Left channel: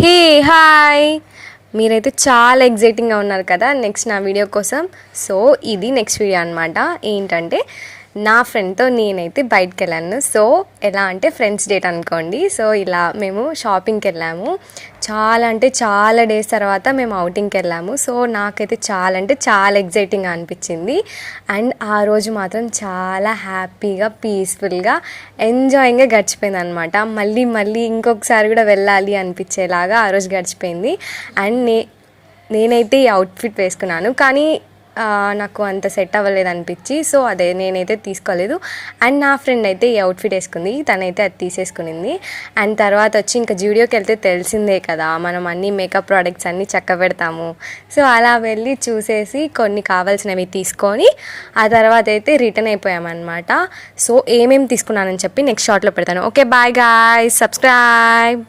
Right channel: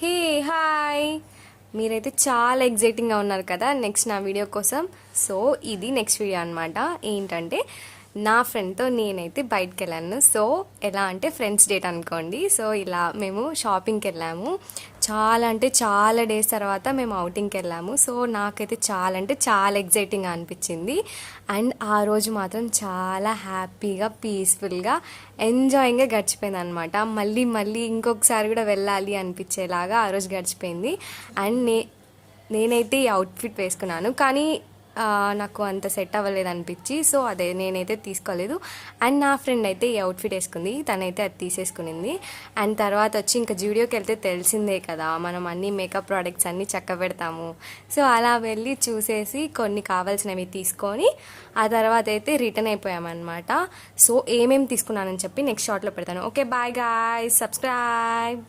Hey hi, మీరైతే చాలా ఎగ్జైటింగ్గా ఉన్నారు కదా నెక్స్ట్ నా వీడియో కోసం. సో ఇది నెక్స్ట్ వీడియో అనమాట. ఏంటంటే నా ఫ్రెండ్తో నేనైతే బయటకు వెళ్ళాను. సో ఎలా అంటే ఫ్రెండ్స్ డేట్ అనుకోండి. సో ఇలా మేము షాపింగ్కి వెళ్ళాము. చాలా అంటే చాలా డేస్ తర్వాత మేము అవుటింగ్కి వెళ్ళాము. సో నాకైతే చాలా అంటే చాలా ఎగ్జైటింగ్గా అనిపించింది. అండ్ ఆ రోజు మాత్రం చాలా హ్యాపీగా పీస్ఫుల్గా ఎంజాయింగ్గా గడిచిపోయింది అనమాట. మళ్ళీ మళ్ళీ ఇంకొకసారి కూడా వెళ్ళాలి అనిపించేలాగా ఆ రోజు గడిచిపోయింది. అండ్ నేనైతే ఈ అవుట్ఫిట్ వేసుకున్నాను, కానీ నాకు అంత సెట్ అవ్వలేదు అనిపించి సో అదే నేనైతే తీసుకోలేదు. అండ్ నా ఫ్రెండ్ అయితే ఈ అవుట్ఫిట్ వేసుకుంది, తనైతే అది తీసేసుకునింది. అండ్ తర్వాత వచ్చి ఇంకా జూడియోకి వెళ్తే తెలిసిందే కదా, మనం అన్ని మేకప్ ప్రోడక్ట్స్ అన్నీ చక్క పెడతాము. సో అలా వెళ్ళి చూసేసి కొన్ని కావాల్సినవి తీసుకొని ఆ తర్వాత అయితే రిటర్న్ అయిపోయామన్నమాట. సో ఏమేమి తీసుకున్నానని చెప్పి నెక్స్ట్ షార్ట్లో పెడతాను. Okay bye guys, subscribe.